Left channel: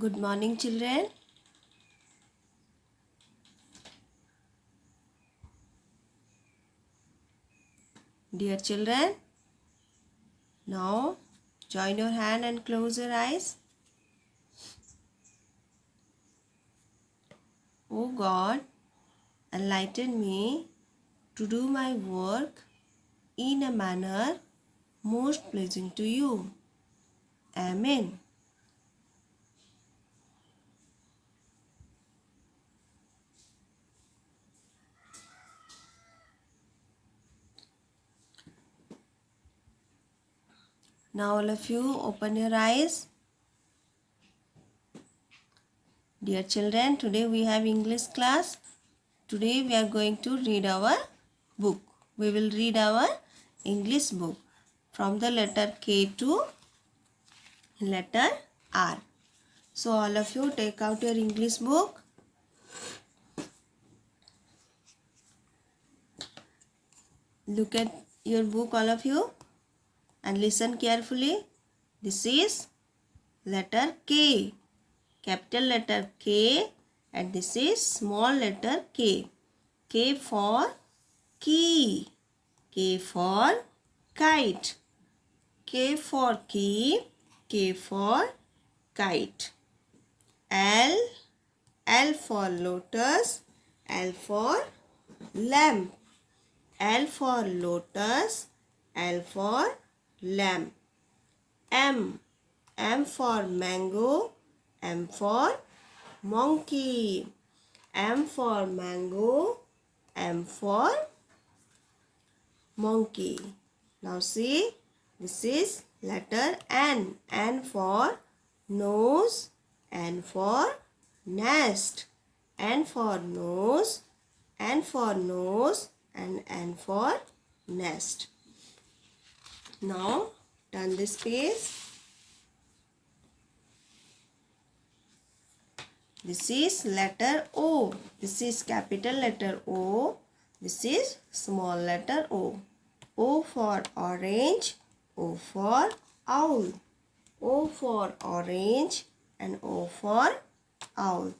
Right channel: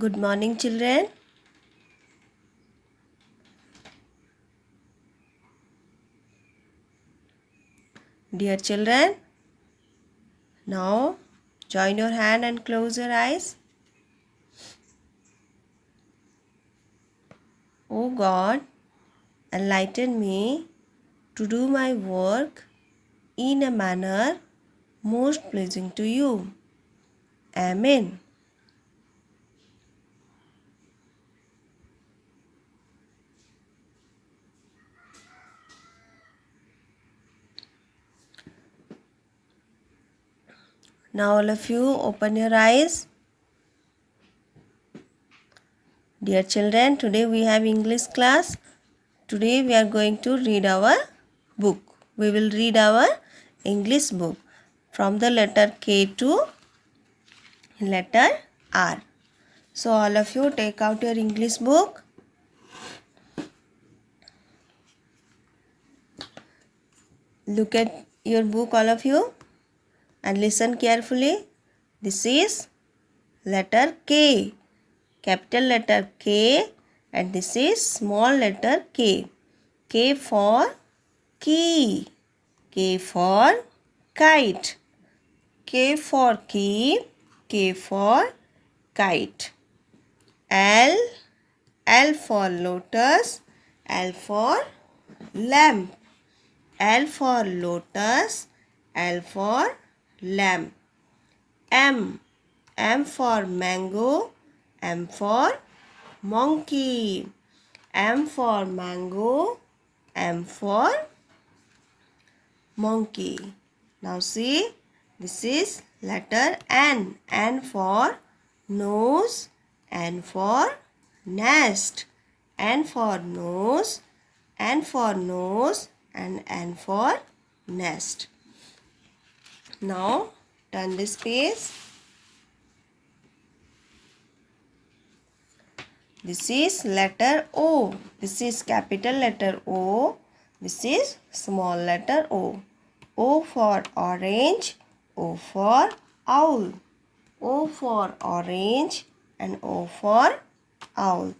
Good morning, children. Dear children, now join your hand and close your eyes. O God, enlighten me to do my work in a manner most pleasing to you. Amen. Now all of you open your eyes. Dear children, today we have English class. Today we are going to read our book. We will read our English book from the letter K to letter R. So all of you take out your English book. Look at your book, all of you, and listen carefully. This is letter K, capital letter K, and this is small letter k. K for key, K for kite, K for key, K for kite. L for lotus, L for lamp, L for lotus, L for lamp. M for mango, M for monkey, M for mango, M for monkey. Now see, this is letter N for nose, N for nest, N for nose, N for nose, and N for nest. Now turn this page. This is letter O. This is capital letter O. This is small letter O. O for orange, O for owl. O for orange and O for owl.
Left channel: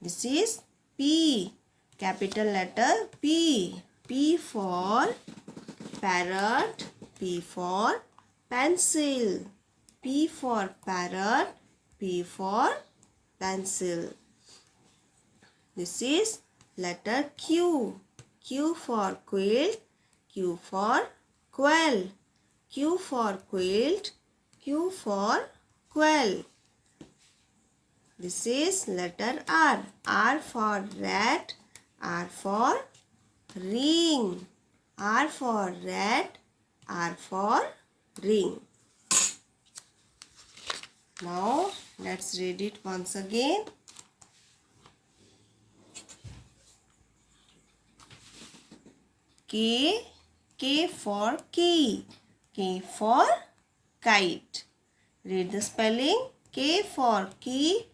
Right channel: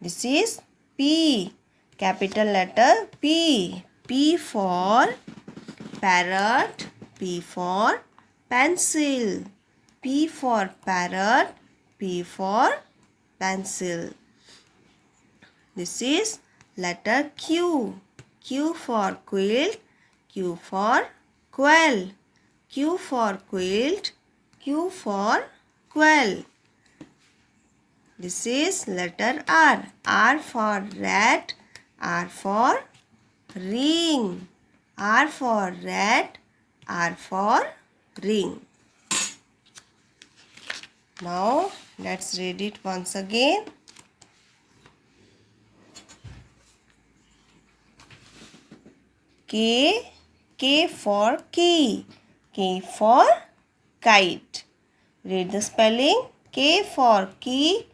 This is P, capital letter P. P for parrot, P for pencil. P for parrot, P for pencil. This is letter Q. Q for quilt, Q for quail. Q for quilt, Q for quail. This is letter R. R for rat, R for ring. R for rat, R for ring. Now let's read it once again. K for key, K for kite. Read the spelling. K for key,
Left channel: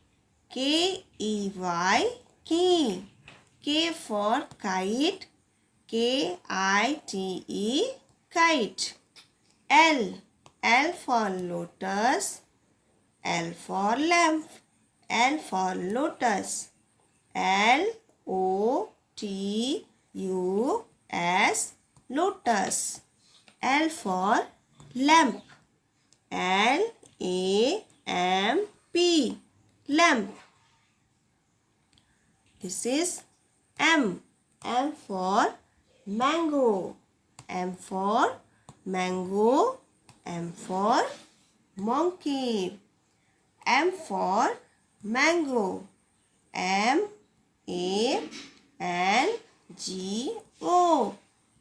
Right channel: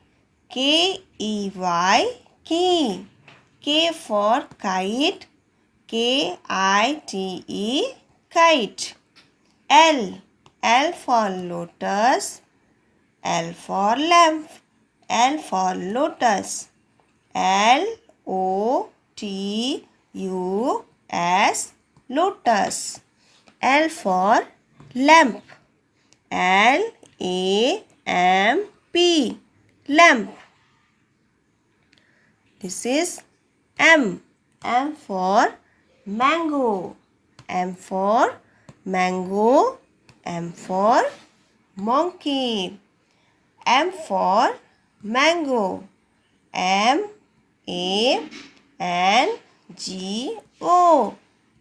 K-E-Y, key. K for kite, K-I-T-E, kite. L for lotus, L for lamp, L for lotus, L-O-T-U-S, lotus. L for lamp, L-A-M-P, lamp. This is M for mango, M for mango, M for monkey. M for mango, M-A-N-G-O,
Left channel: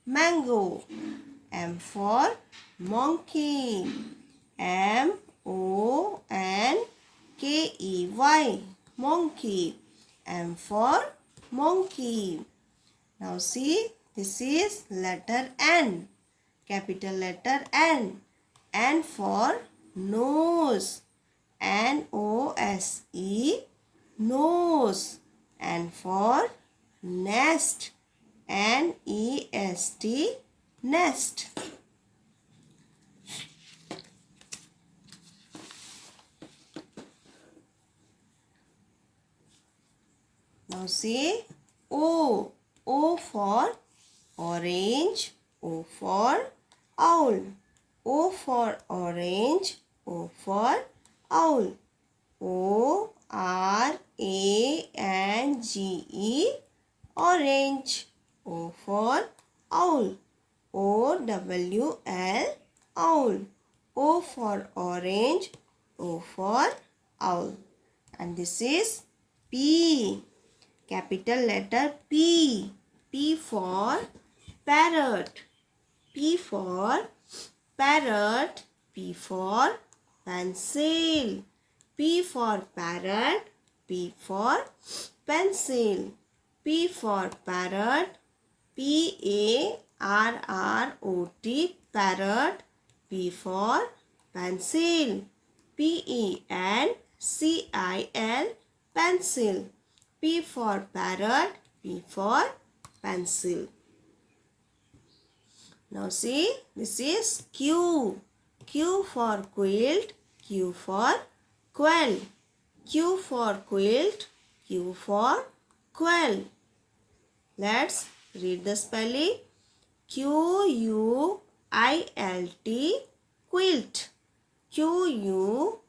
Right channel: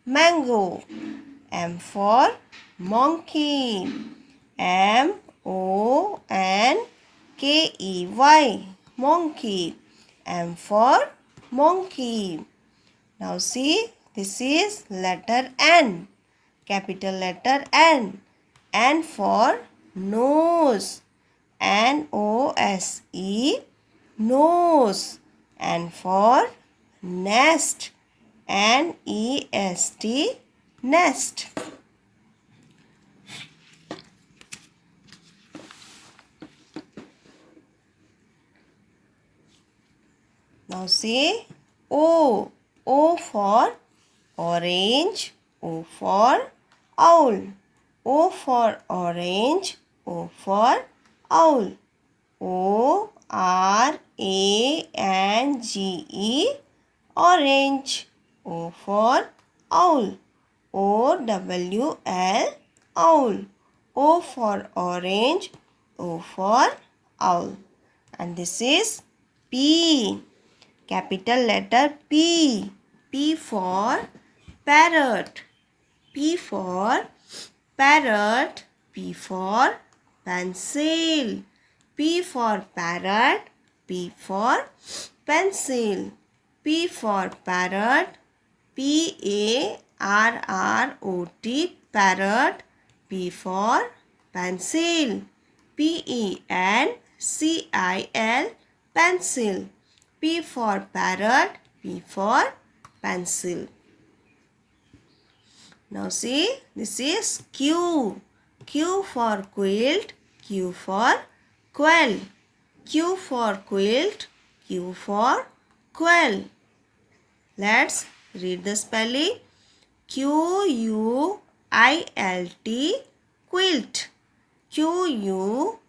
mango. M for monkey, M-O-N-K-E-Y, monkey. M for monkey. Now see, this is letter N, capital letter N. N for nose, N-O-S-E, nose. N for nest, N-E-S-T, nest. Now say O. O for orange. O for owl. O for orange. O for owl. ORANGE, orange. O for owl. OWL, owl. O for orange. O for owl. And this is P. Capital letter P. P for parrot. P for parrot. P for pencil. P for parrot. P for pencil. P for parrot. PARROT, parrot. P for pencil. PENCIL, pencil. P for parrot. P for pencil. Now see, this is Q. Q for quilt. Q for quail. Q for quilt. Q for quail. Let's read the spelling. QUILT, quilt. QUILT,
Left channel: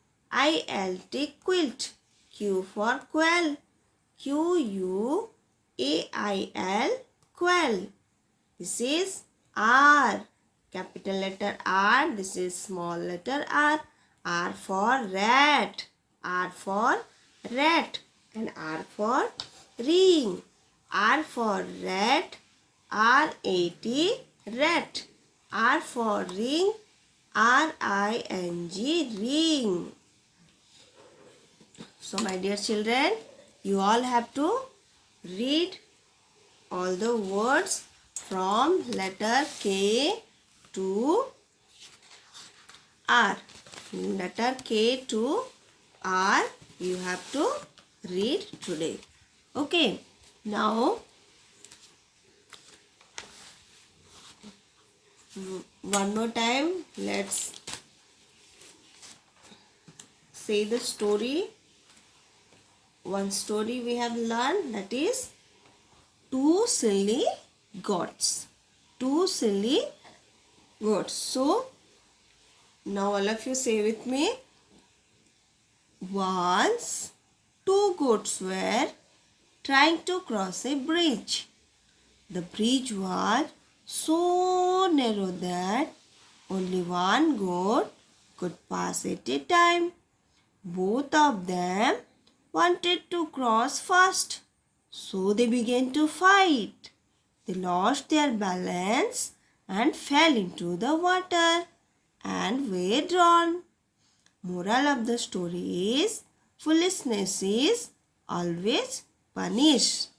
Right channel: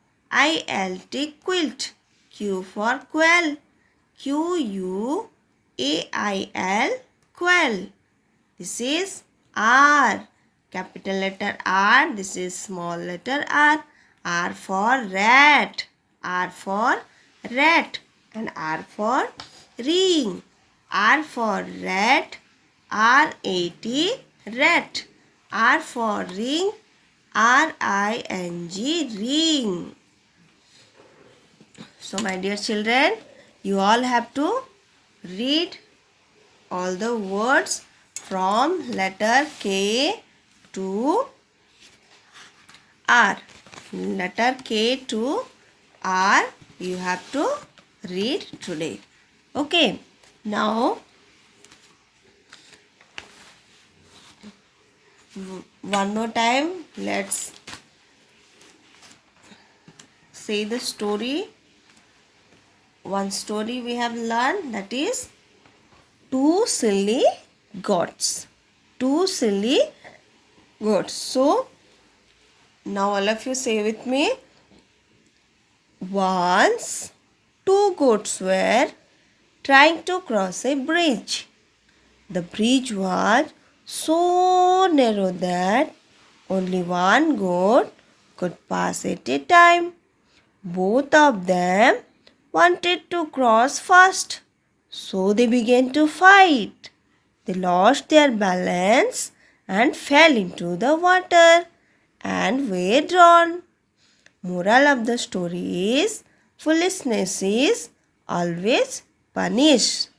quilt. Q for quail. QUAIL, quail. This is R. Capital letter R. This is small letter R. R for rat. R for rat. And R for ring. R for rat. RAT, rat. R for ring. RING, ring. So my dear children, you all have to read all the words from letter K to R. Letter K to R you have to read today. Okay. Now one more time let's say the story. One story we have learned, that is two silly goats. Two silly goats. So now all of you say with me. Once two goats were trying to cross a bridge. The bridge was so narrow that only one goat could pass at a time. Both of them wanted to cross fast, so they began to fight. They lost their balance and fell into the water and were drowned. Moral of the story is, foolishness is always punished.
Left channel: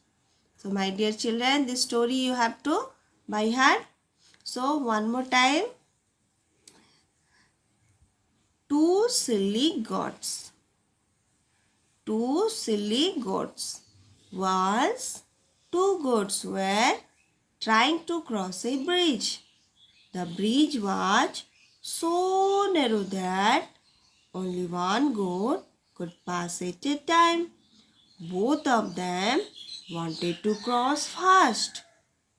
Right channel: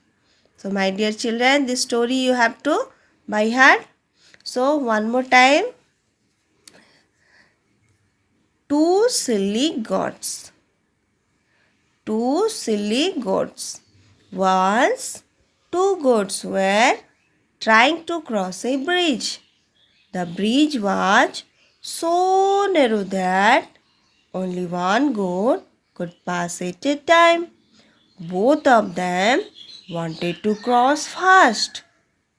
So my dear children, this story you have to by heart. So one more time. Two silly goats. Two silly goats. Once two goats were trying to cross a bridge. The bridge was so narrow that only one goat could pass at a time. Both of them wanted to cross fast,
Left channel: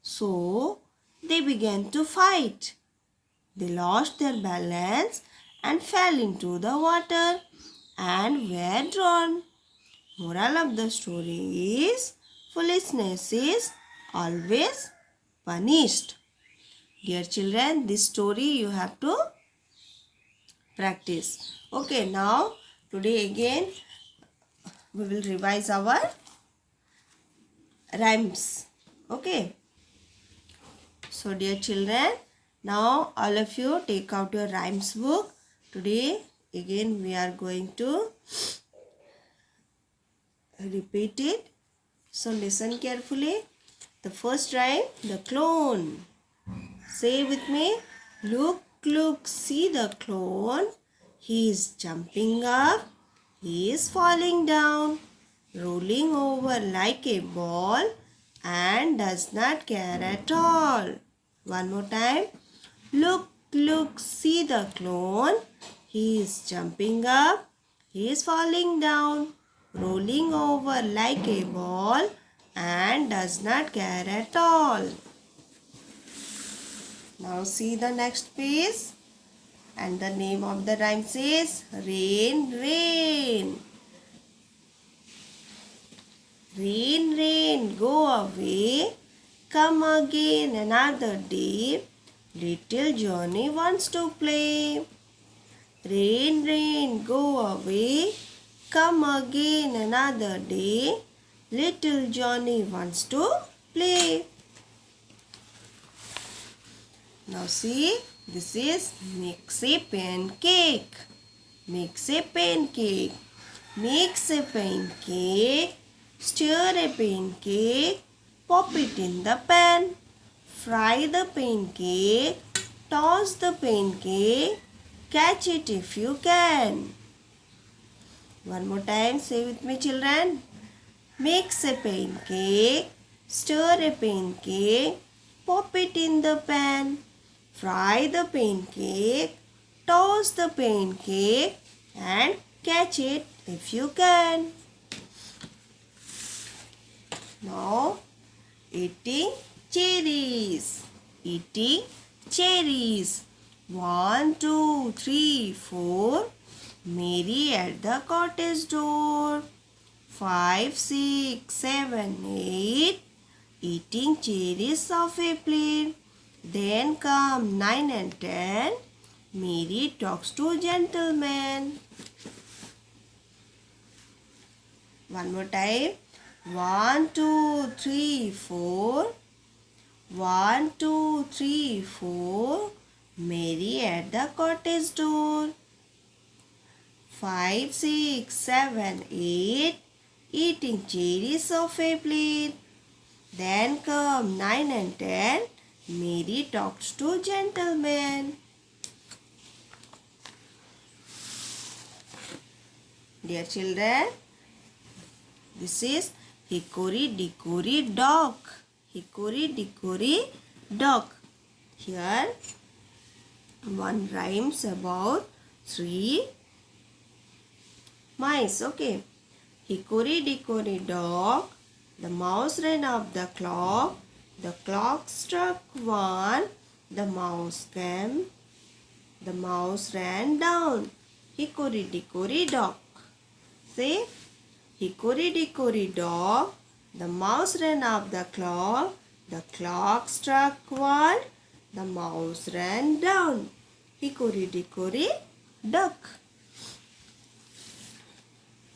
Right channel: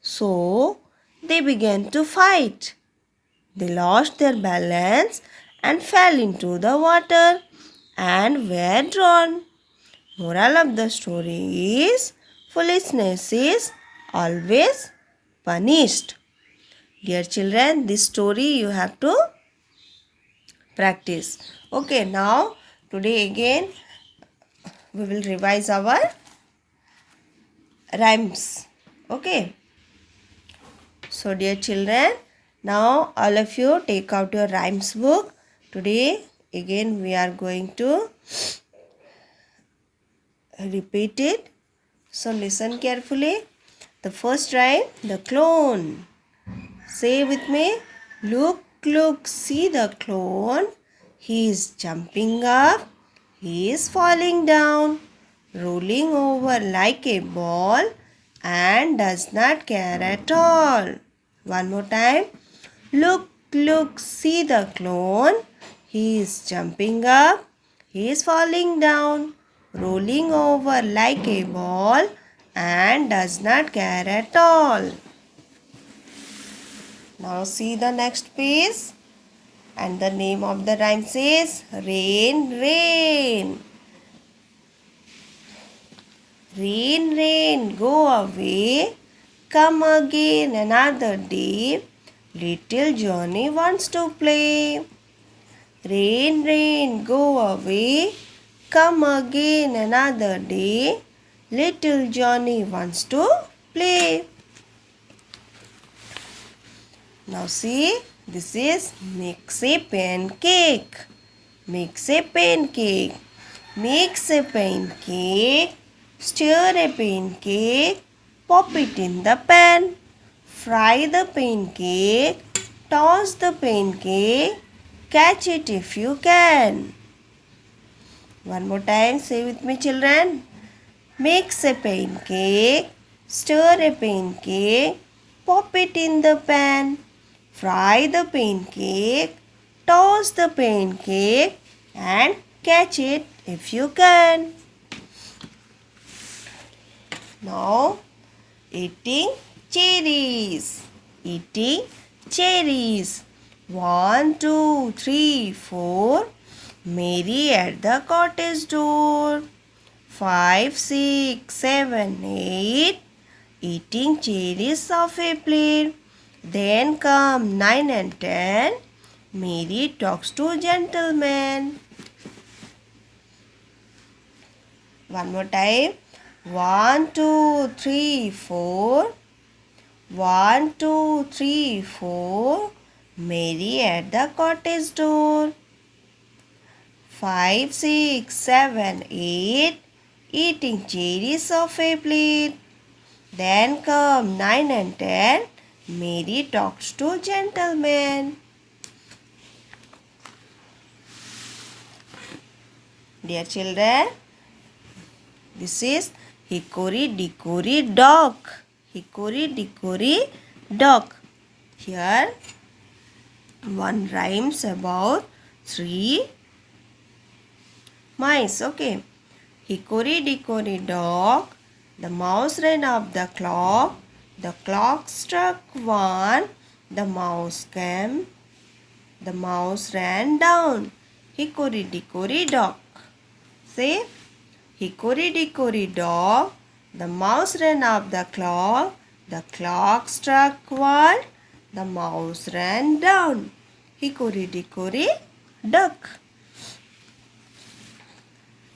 so they began to fight. They lost their balance and fell into the water and were drowned. Moral of the story is, foolishness is always punished. Dear children, this story you have to practice. Okay, now today again we will revise our rhymes. Okay. So dear children, now all of you take out your rhymes book. Today again we are going to repeat it. So listen carefully. The first rhyme, the clone. Say with me. Look, look, see the clone. He is jumping up. He is falling down, rolling over like a ball and does not care at all. One more time. Look, look, see the clone. He is jumping up. He is falling down, rolling over like a ball and does not care at all. Now see the next page, and the name of the rhyme says rain, rain. Rain, rain, go away, come again another day. Little Johnny wants to play. Rain, rain, go away, come again another day. Little Johnny wants to play. Now see, this is mix a pancake. Mix a pancake. Mix a pancake. Stir a pancake. Pop it in the pan. Fry the pancake. Toss the pancake. Catch it if you can. One more time, say with me, children. Mix a pancake. Stir a pancake. Pop it in the pan. Fry the pancake. Toss the pancake and catch it if you can. Now, eating cherries. Eating cherries. 1, 2, 3, 4. Mary at the cottage door. 5, 6, 7, 8. Eating cherries off a plate. Then come 9 and 10. Mary talks to gentleman. One more time. 1, 2, 3, 4. 1, 2, 3, 4. Mary at the cottage door. 5, 6, 7, 8. Eating cherries off a plate. Then come 9 and 10. Mary talks to gentleman. Dear children, this is Hickory Dickory Dock. Hickory Dickory Dock. Here one rhymes about 3 mice. Okay. Hickory Dickory Dock. The mouse ran up the clock. The clock struck 1. The mouse came. The mouse ran down. Hickory Dickory Dock. Say, Hickory Dickory Dock. The mouse ran up the clock. The clock struck 1. The mouse ran down. Hickory Dickory Dock.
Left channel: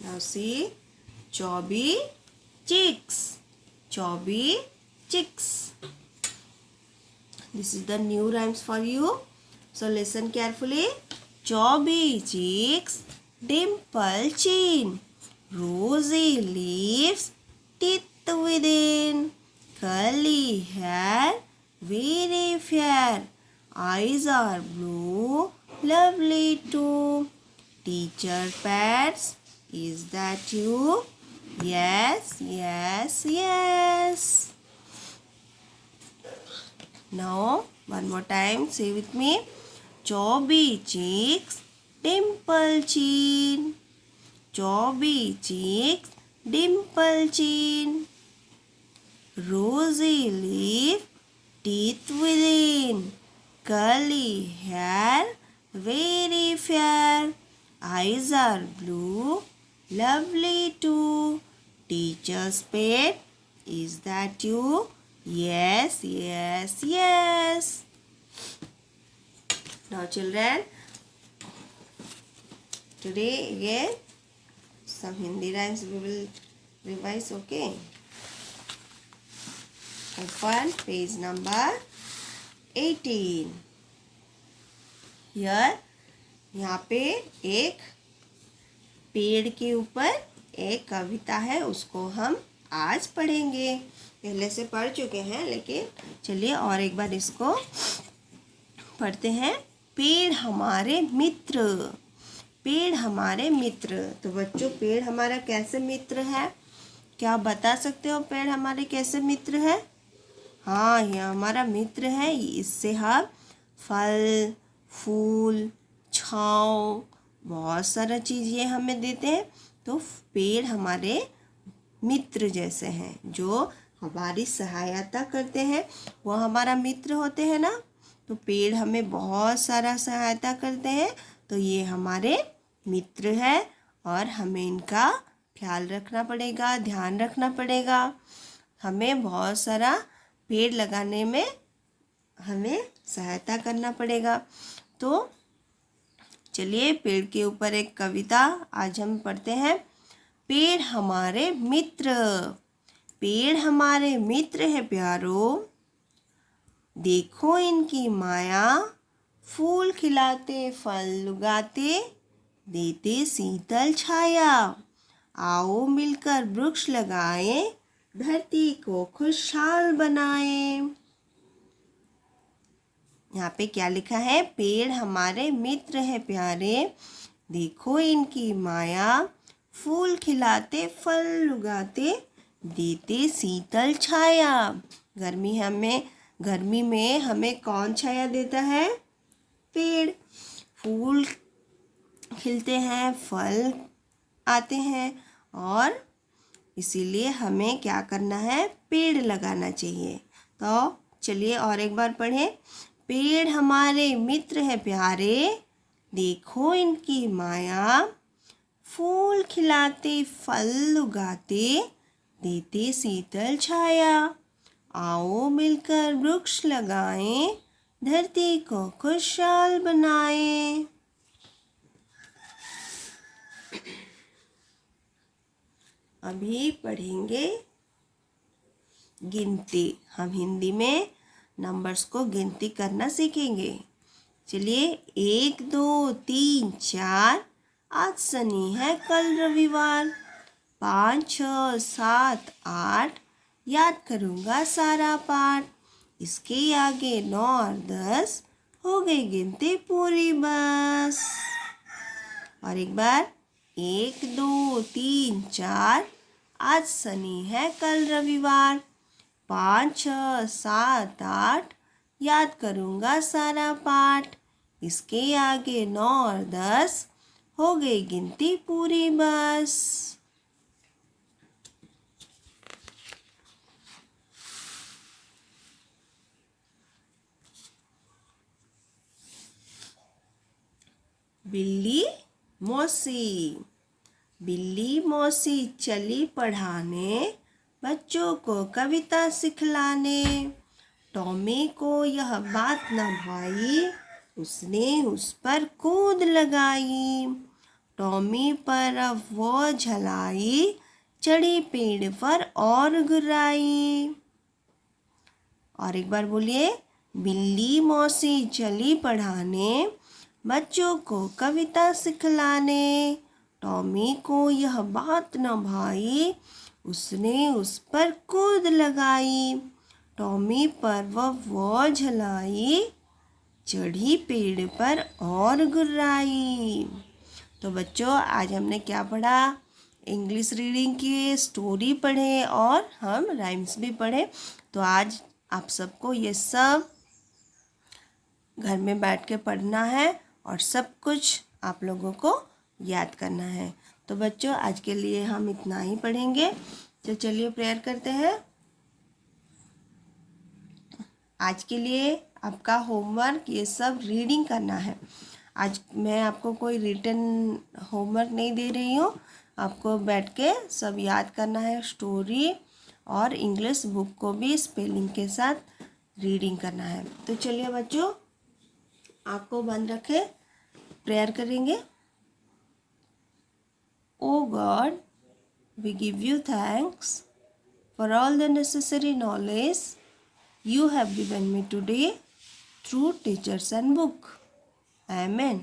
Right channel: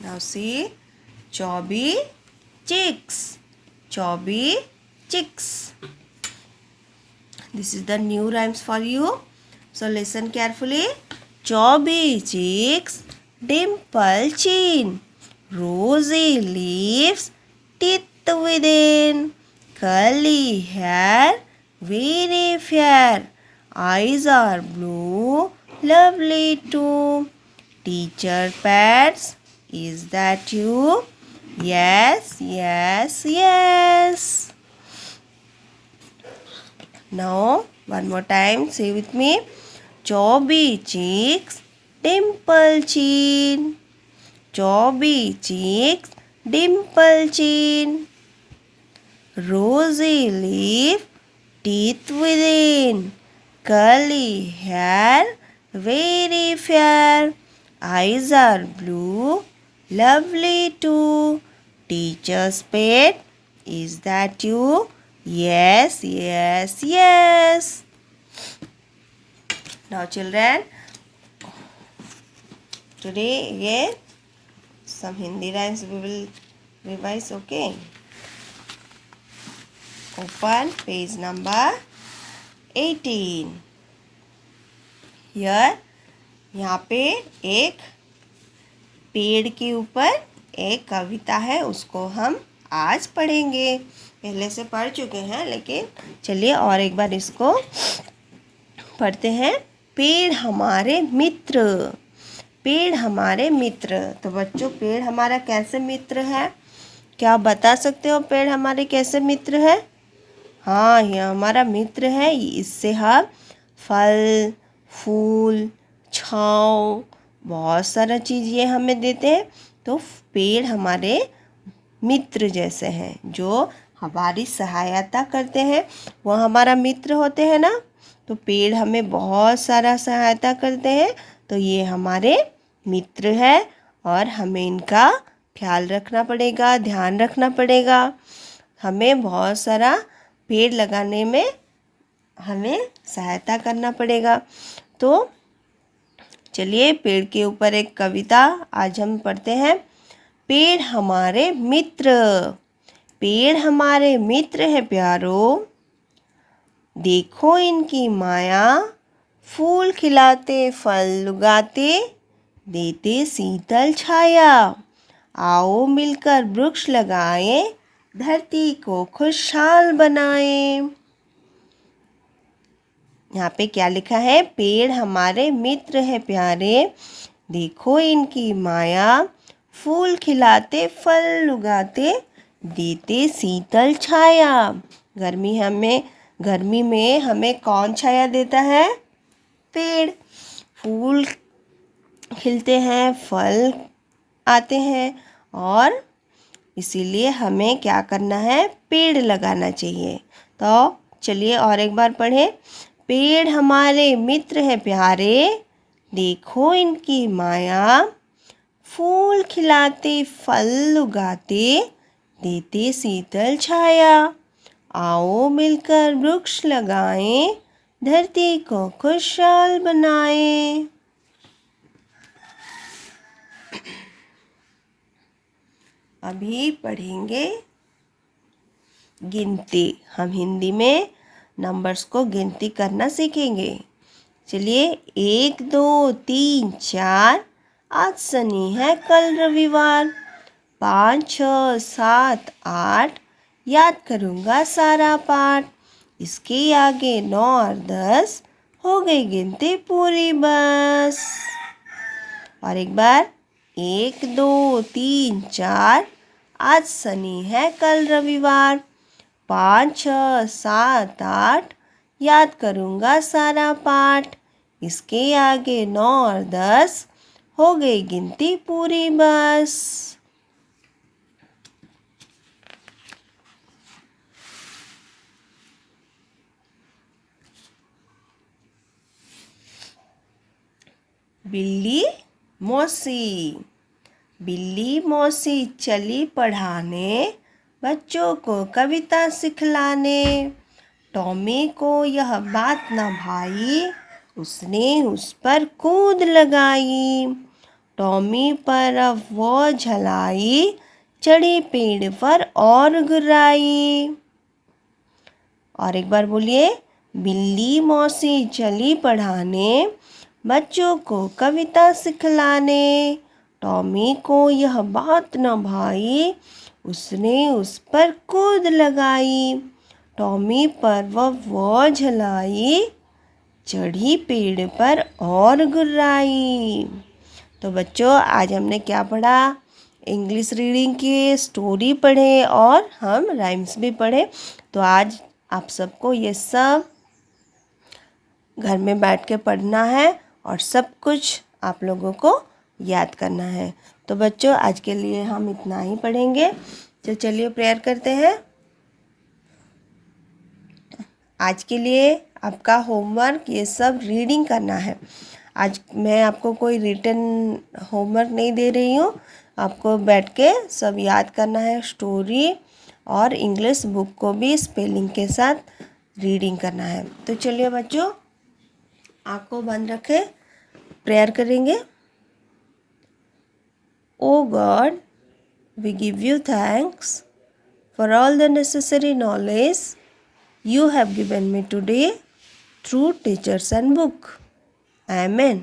Now see, Chubby Chicks. Chubby Chicks. This is the new rhymes for you. So listen carefully. Chubby cheeks, dimple chin, rosy lips, teeth within, curly hair, very fair, eyes are blue, lovely too. Teacher pets, is that you? Yes, yes, yes. Now, one more time, say with me. Chubby cheeks, dimple chin. Chubby cheeks, dimple chin. Rosy lip, teeth within. Curly hair, very fair. Eyes are blue, lovely too. Teacher's pet, is that you? Yes, yes, yes. Now children, today again some Hindi rhymes we will revise, okay? Open page number 18. Here, यहाँ पे एक पेड़ के ऊपर एक कविता है, उसको हम आज पढ़ेंगे। पहले से पढ़ चुके हैं, लेकिन चलिए और एक बार इसको पढ़ते हैं। पेड़ हमारे मित्र, पेड़ हमारे मित्र। तो बच्चों, पेड़ हमारा कैसे मित्र है? क्या आप बता सकते हो पेड़ हमारे कैसे मित्र है? हाँ, यह हमारा मित्र है। इससे हम फल, फूल, छाँव, बहुत सारा चीज़ ये हमें देते हैं। तो पेड़ हमारे मित्र जैसे हैं, जो हमारी सहायता करते हैं, वो हमारा मित्र होते हैं ना। तो पेड़ हमें बहुत सारा सहायता करते हैं, तो ये हमारे मित्र है और हमें इनका ख्याल रखना पड़ेगा, ध्यान रखना पड़ेगा। हमें बहुत सारा पेड़ लगाने में हमें सहायता करना पड़ेगा। तो चलिए पेड़ के ऊपर एक कविता आज हम पढ़ते हैं। पेड़ हमारे मित्र, पेड़ हमारे मित्र है प्यारो, देखो इनकी माया, फूल खिलाते फल उगाते, देते शीतल छाया। आओ मिलकर वृक्ष लगाएं, धरती को खुशहाल बनाएं। यहाँ पे क्या लिखा है? पेड़ हमारे मित्र है प्यारे, देखो इनकी माया, फूल खिलाते फल उगाते, देते शीतल छाया। गर्मी में हमें कौन छाया देता है? पेड़। फूल खिलते हैं, फल आते हैं, और इसीलिए हमें क्या करना है? पेड़ लगाना चाहिए। तो चलिए और एक बार पढ़ें। पेड़ हमारे मित्र है प्यारे, देखो इनकी माया, फूल खिलाते फल उगाते, देते शीतल छाया। आओ मिलकर वृक्ष लगाएं, धरती को खुशहाल बनाएं। अभी पढ़ेंगे गिनती। हम हिंदी में नंबर्स को गिनती करना सीखेंगे। चलिए 1 2 3 4, आज शनि है कल रविवार। 5 6 7 8, याद करूँगा सारा पाठ। इसके आगे 9 और 10, हो गई गिनती पूरी बस। और एक बार 1 2 3 4, आज शनि है कल रविवार। 5 6 7 8, याद करूँगा सारा पाठ। इसके आगे 9 और 10, हो गई गिनती पूरी बस। बिल्ली मौसी, बिल्ली मौसी चली पढ़ाने, बच्चों को कविता सिखलाने। टॉमी को यह बात न भाई, उसने उस पर कूद लगाई। टॉमी पर अब वो झलाई, चढ़ी पेड़ पर और गुर्राई। और एक बार बोलिए। बिल्ली मौसी चली पढ़ाने, बच्चों को कविता सिखलाने। टॉमी को यह बात न भाई, उसने उस पर कूद लगाई। टॉमी पर वो झलाई, चढ़ी पेड़ पर और गुर्राई। तो बच्चों आज हमने क्या पढ़ा? इंग्लिश रीडिंग की स्टोरी पढ़े और हम राइम्स भी पढ़े। तो आज आप सबको ये सब घर में बैठ के पढ़ना है और सब कुछ आप लोगों को याद करना है। तो बच्चों आज के लिए हम इतना ही पढ़ेंगे। तो चलिए प्रेयर करते हैं। आज के लिए आपका होमवर्क ये सब रीडिंग करना है। आज मैं आपको कोई रिटन होमवर्क नहीं दे रही हूँ, आपको बैठ के सब याद करना है। स्टोरी और इंग्लिश बुक को भी स्पेलिंग के साथ रीडिंग करना है। तो चलिए बच्चों आंखों बंद रखें, प्रेयर करेंगे। ओ God, we give you thanks for all the necessary knowledge you have given me today through teachers and book. Amen.